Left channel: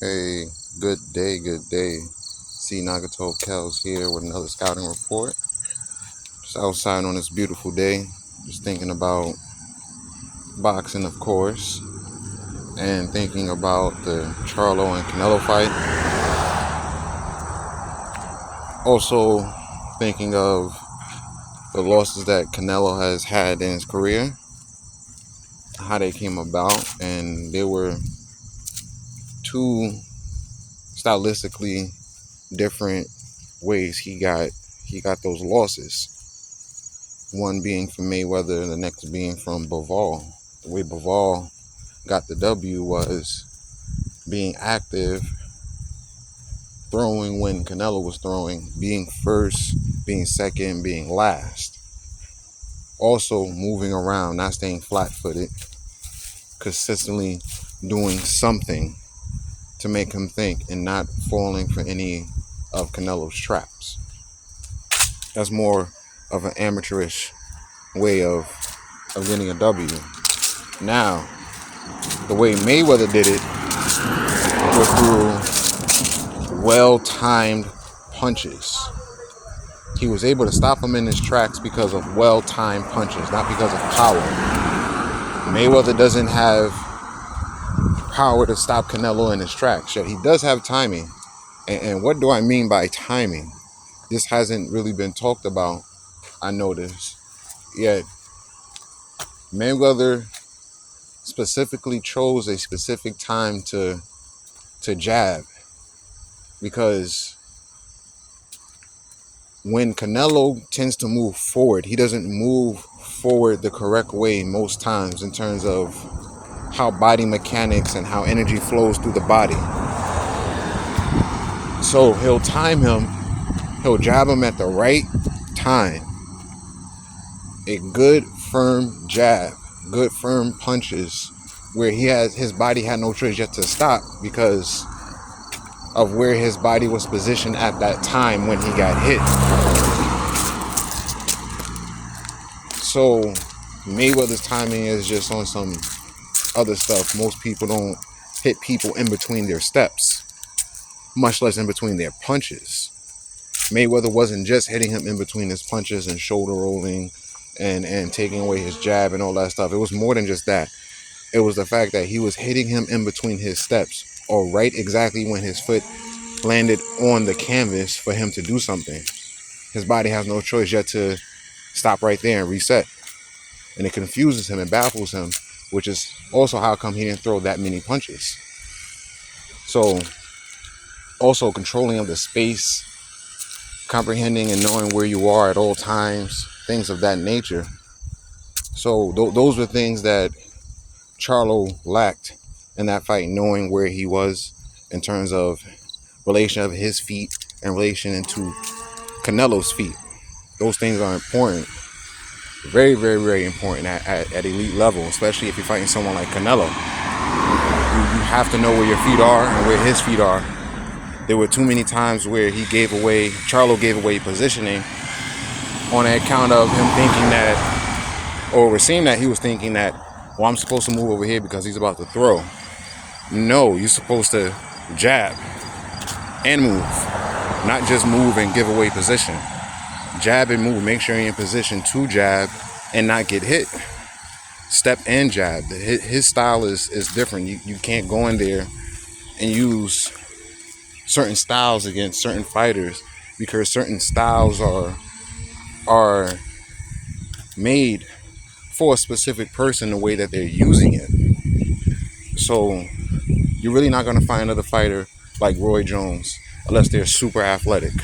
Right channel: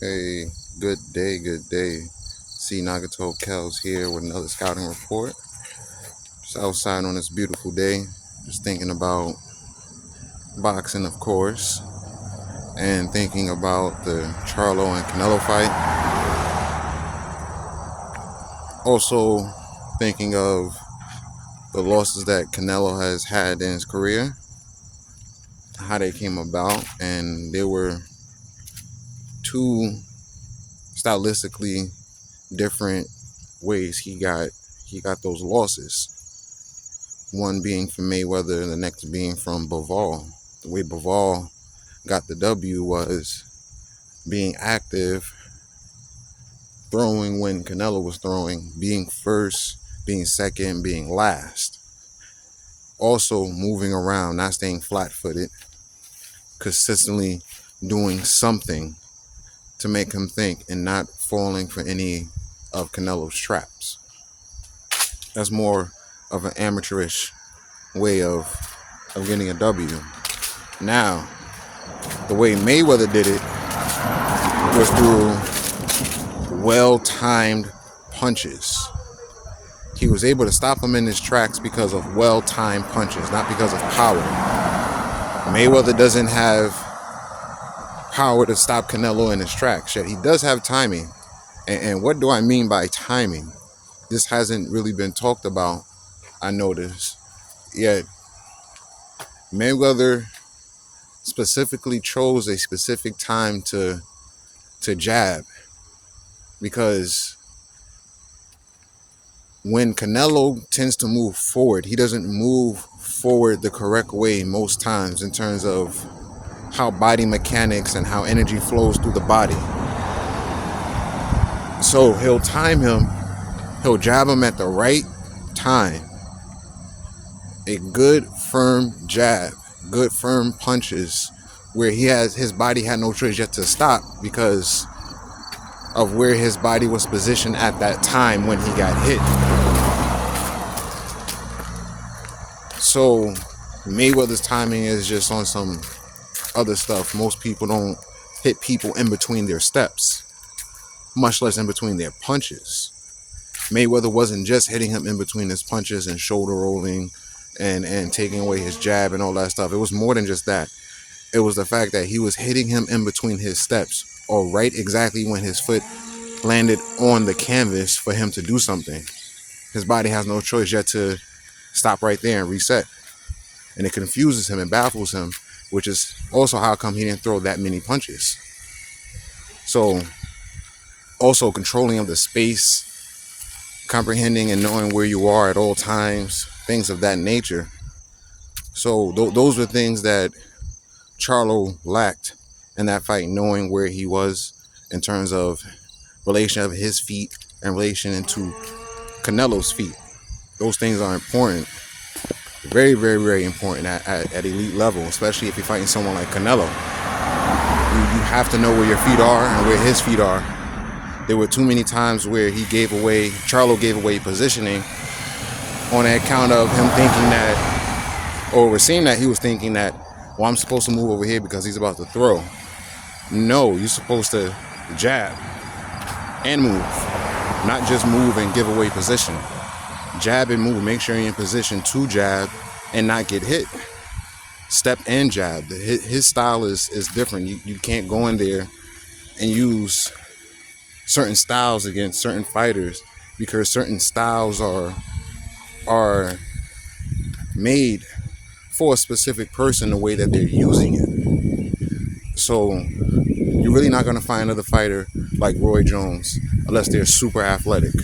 Hey, good day, good day. C. Nagato Kells here with another scouting report. Just outside on this beautiful day, just thinking about boxing, of course, and thinking about the Charlo and Canelo fight. Also, thinking of the losses that Canelo has had in his career, how they came about, and there were two stylistically different ways he got those losses. One being from Mayweather and the next being from Bivol. The way Bivol got the W was being active, throwing when Canelo was throwing, being first, being second, being last. Also moving around, not staying flat-footed, consistently doing something to make him think and not falling for any of Canelo's traps. That's more of an amateurish way of getting a W. Now, the way Mayweather did it was through well-timed punches. He was able to stop him in his tracks because of well-timed punches, not because of power. Mayweather doesn't have power to stop Canelo in his tracks, yet he does have timing. And what do I mean by timing? This hasn't really been talked about, I noticed, yet Mayweather specifically chose a specific time to jab, because when Canelo tends to move forward, he doesn't move forward the correct way most times in terms of how body mechanics and how energy flows through the body. So he'll time him, he'll jab him at the right time. A good firm jab, good firm punches where his body had no choice yet to stop because of where his body was positioned at that time when he got hit. So Mayweather's timing is just on some other stuff. Most people don't hit people in between their steps, much less in between their punches. Mayweather wasn't just hitting him in between his punches and shoulder rolling and taking away his jab and all that stuff. It was more than just that. It was the fact that he was hitting him in between his steps, or right exactly when his foot landed on the canvas for him to do something. His body has no choice yet to stop right there and reset. And it confuses him and baffles him, which is also how come he didn't throw that many punches. So also controlling of the space, comprehending and knowing where you are at all times, things of that nature. So those were things that Charlo lacked in that fight, knowing where he was in terms of relation of his feet and relation to Canelo's feet. Those things are important. Very, very, very important at elite level, especially if you're fighting someone like Canelo. You have to know where your feet are and where his feet are. There were too many times where Charlo gave away positioning on account of him thinking that, or we're seeing that he was thinking that, well, I'm supposed to move over here because he's about to throw. No, you're supposed to jab and move, not just move and give away position. Jab and move. Make sure you're in position to jab and not get hit. Step and jab. His style is different. You can't go in there and use certain styles against certain fighters because certain styles are made for a specific person the way that they're using it. So you're really not going to find another fighter like Roy Jones unless they're super athletic.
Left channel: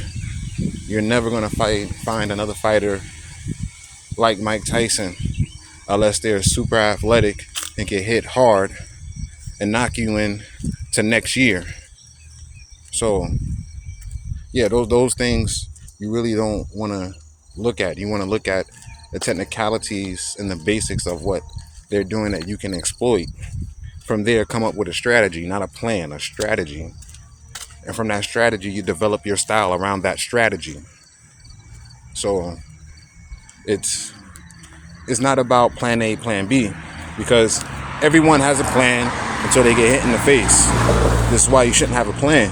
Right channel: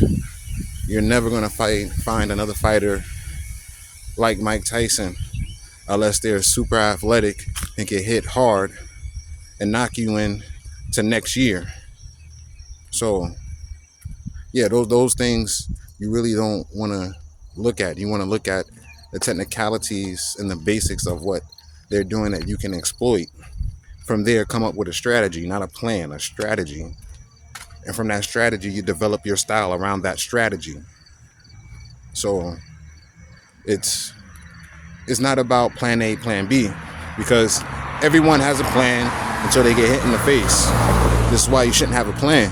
You're never going to find another fighter like Mike Tyson unless they're super athletic and can hit hard and knock you in to next year. So yeah, those things you really don't want to look at. You want to look at the technicalities and the basics of what they're doing that you can exploit. From there, come up with a strategy, not a plan, a strategy. And from that strategy, you develop your style around that strategy. So it's not about plan A, plan B, because everyone has a plan until they get hit in the face. This is why you shouldn't have a plan.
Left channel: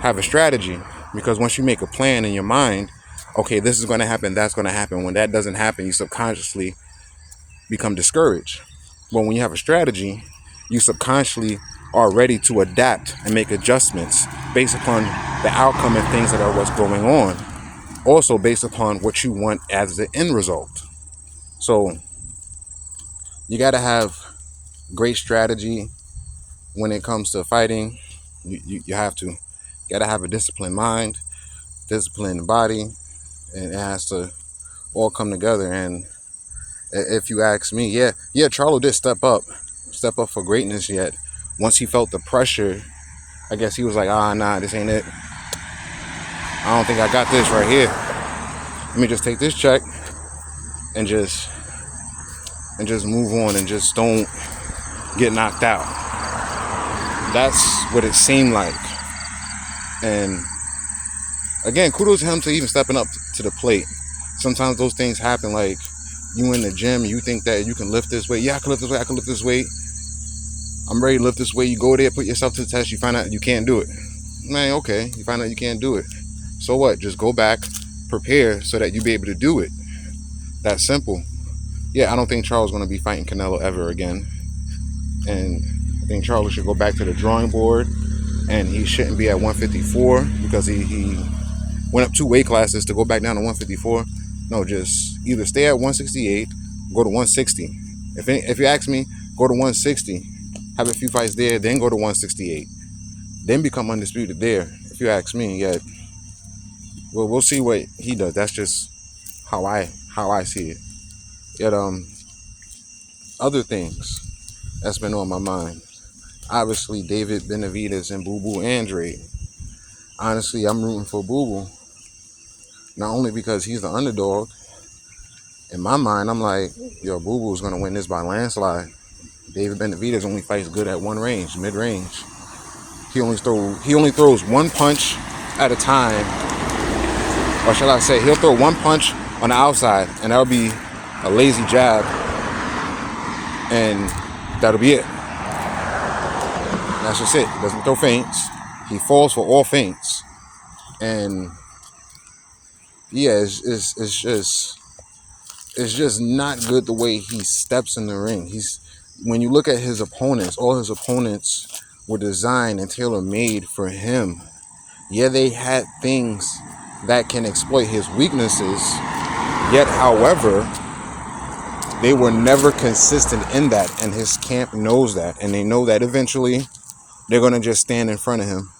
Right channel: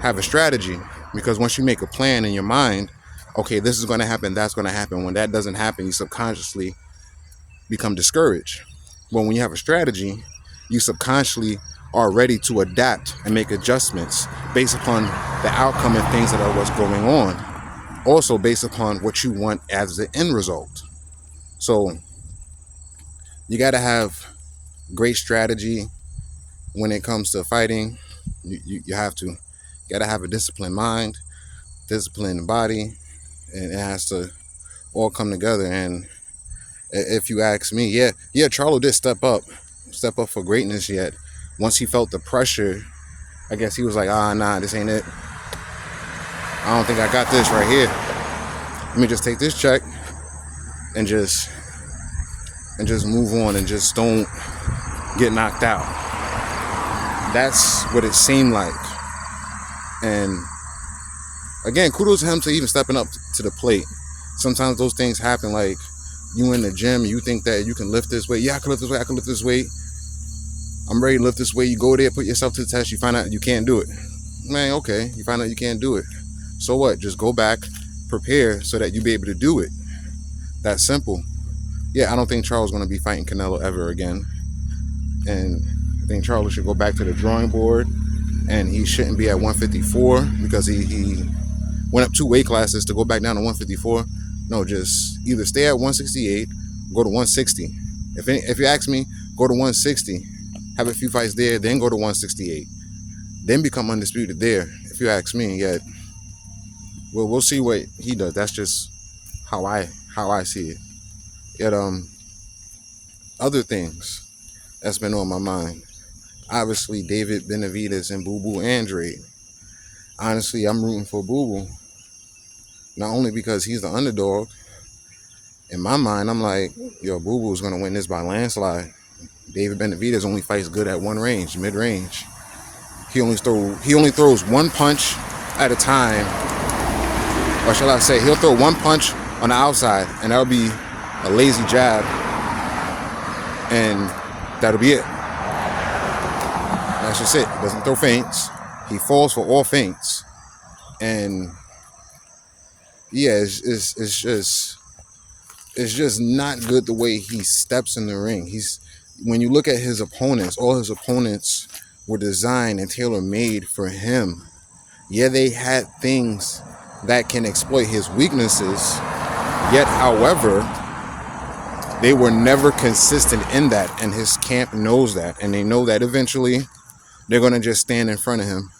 Have a strategy. Because once you make a plan in your mind, okay, this is going to happen, that's going to happen. When that doesn't happen, you subconsciously become discouraged. But when you have a strategy, you subconsciously are ready to adapt and make adjustments based upon the outcome and things that are what's going on. Also based upon what you want as the end result. So you got to have great strategy when it comes to fighting. You have to. You got to have a disciplined mind, disciplined body, and it has to all come together. And if you ask me, yeah, Charlo did step up for greatness. Yet once he felt the pressure, I guess he was like, nah, this ain't it. I don't think I got this right here. Let me just take this check and just move on and just don't get knocked out. That's what it seemed like. And again, kudos to him to even stepping up to the plate. Sometimes those things happen, like you in the gym, you think that you can lift this weight. Yeah, I can lift this weight, I can lift this weight. I'm ready to lift this weight. You go there, put yourself to the test, you find out you can't do it. Man, okay, you find out you can't do it. So what? Just go back, prepare so that you be able to do it. That's simple. Yeah, I don't think Charles is going to be fighting Canelo ever again. And I think Charles should go back to the drawing board, and he shouldn't be at 154 because he went up 2 weight classes to go back down to 154. No, just either stay at 168, go to 160. If you ask me, go to 160, have a few fights there, then go to 168, then become undisputed there. If you ask me, yeah. Well, we'll see what he does. That's just how I see it. Yet other things that's been on my mind. Obviously, David Benavidez and Boo Boo Andrade. Honestly, I'm rooting for Boo Boo. Not only because he's the underdog. In my mind, I'm like, yo, Boo Boo's gonna win this by landslide. David Benavidez only fights good at one range, mid-range. He only throws one punch at a time. Or shall I say, he'll throw one punch on the outside, and that'll be a lazy jab, and that'll be it. That's just it. He doesn't throw feints. He falls for all feints. And yeah, it's just not good the way he steps in the ring. When you look at his opponents, all his opponents were designed and tailor-made for him. Yeah, they had things that can exploit his weaknesses, yet, however, they were never consistent in that, and his camp knows that, and they know that eventually they're going to just stand in front of him,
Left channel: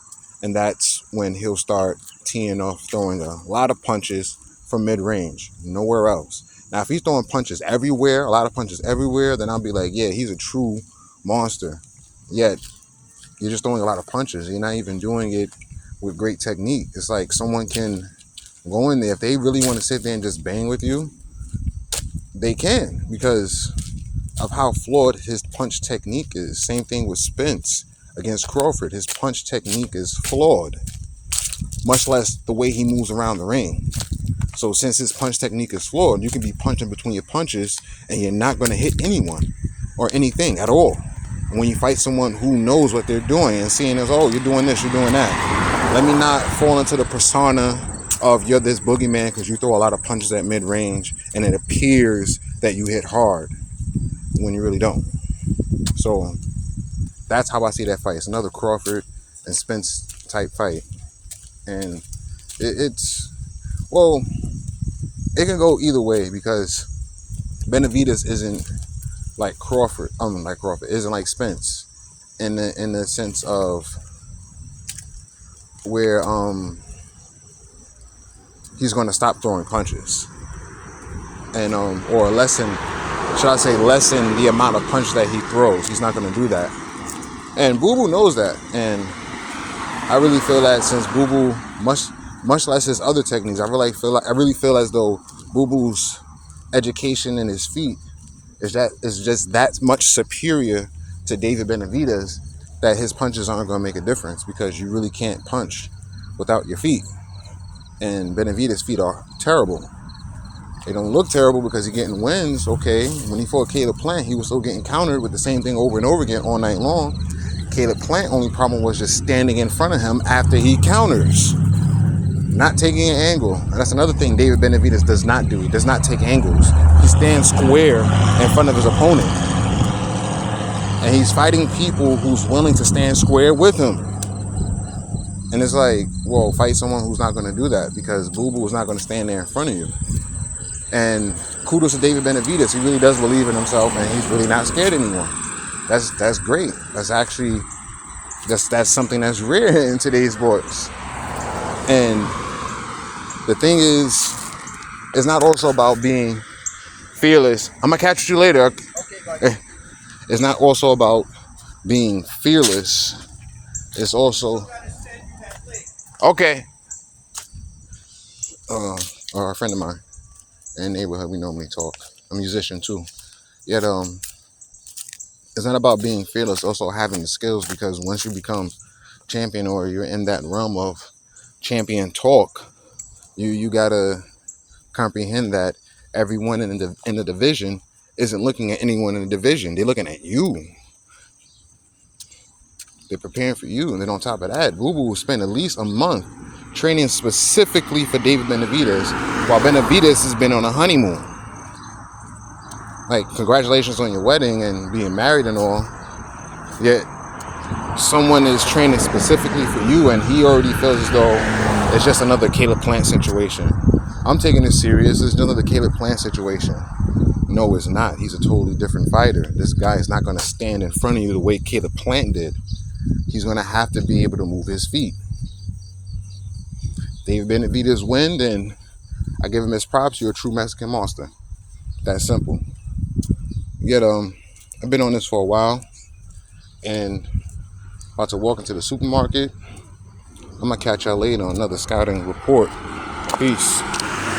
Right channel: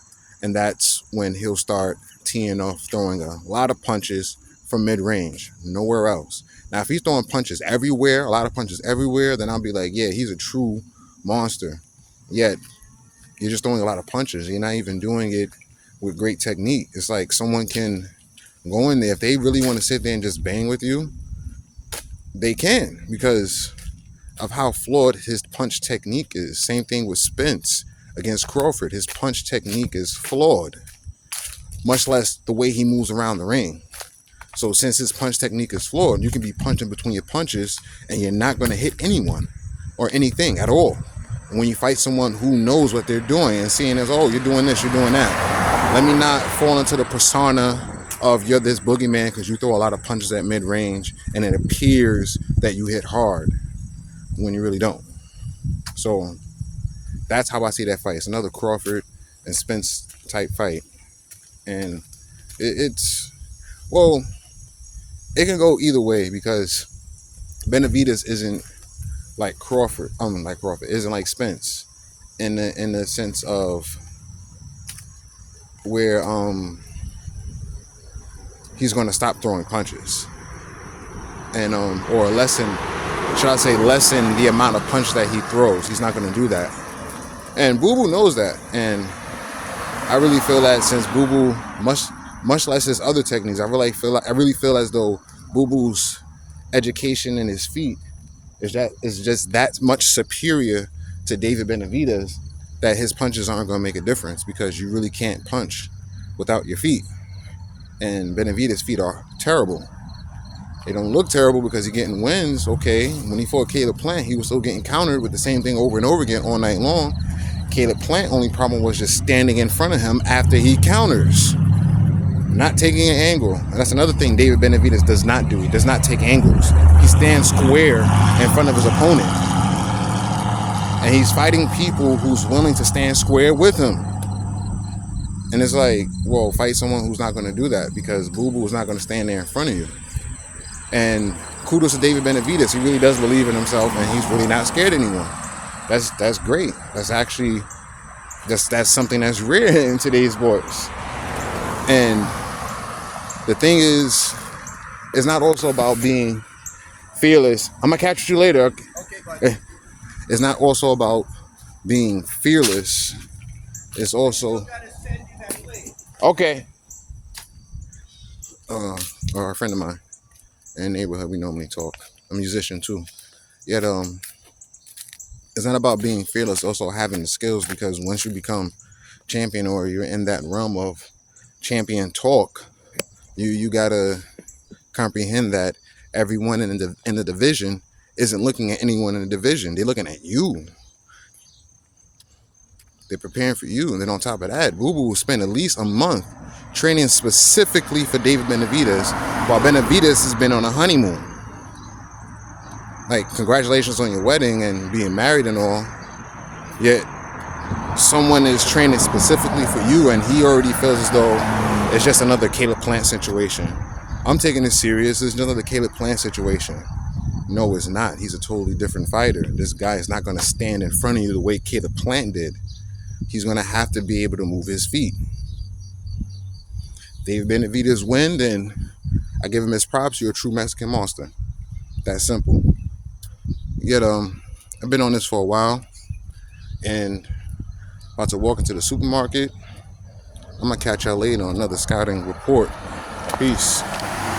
and that's when he'll start teeing off, throwing a lot of punches from mid-range, nowhere else. Now, if he's throwing punches everywhere, a lot of punches everywhere, then I'll be like, yeah, he's a true monster. Yet, you're just throwing a lot of punches. You're not even doing it with great technique. It's like someone can go in there. If they really want to sit there and just bang with you, they can, because of how flawed his punch technique is. Same thing with Spence against Crawford. His punch technique is flawed, much less the way he moves around the ring. So since his punch technique is flawed, you can be punching between your punches and you're not going to hit anyone or anything at all. And when you fight someone who knows what they're doing and seeing as, oh, you're doing this, you're doing that, let me not fall into the persona of you're this boogeyman because you throw a lot of punches at mid-range and it appears that you hit hard when you really don't. So that's how I see that fight. It's another Crawford and Spence type fight. And it can go either way because Benavidez isn't like Crawford, isn't like Spence in the sense of where he's going to stop throwing punches and or lessen the amount of punch that he throws. He's not going to do that, and Boo Boo knows that. And I really feel that since Boo Boo, much less his other techniques, I really feel as though Boo Boo's education and his feet is just that much superior to David Benavidez that his punches aren't going to make a difference, because you really can't punch without your feet. And Benavidez' feet are terrible. They don't look terrible because he's getting wins, okay. When he fought Caleb Plant, he was still getting countered with the same thing over and over again all night long. Caleb Plant only problem was just standing in front of him after he counters, not taking an angle. And that's another thing David Benavidez does not do. He does not take angles. He stands square in front of his opponent. And he's fighting people who's willing to stand square with him. And it's like, well, fight someone who's not going to do that, because Boo Boo is not going to stand there in front of you. And kudos to David Benavidez. He really does believe in himself, and he's really not scared anymore. That's great. That's actually that's something that's rare in today's sports. And the thing is, it's not also about being fearless. I'm gonna catch you later. Okay, buddy. It's not also about being fearless. It's also okay. A friend of mine in the neighborhood, we normally talk. I'm a musician too. Yet it's not about being fearless, it's also having the skills, because once you become champion, or you're in that realm of champion talk, you gotta comprehend that everyone in the division isn't looking at anyone in the division. They're looking at you. They're preparing for you. And then on top of that, Boo Boo will spend at least a month training specifically for David Benavidez, while Benavidez has been on a honeymoon. Like, congratulations on your wedding and being married and all. Yet someone is training specifically for you, and he already feels as though it's just another Caleb Plant situation. I'm taking this serious. It's just another Caleb Plant situation. No, it's not. He's a totally different fighter. This guy is not going to stand in front of you the way Caleb Plant did. He's going to have to be able to move his feet. David Benavidez win, and I give him his props. You're a true Mexican monster. That's simple. Yet, I've been on this for a while, and about to walk into the supermarket. I'm going to catch y'all later on another scouting report. Peace.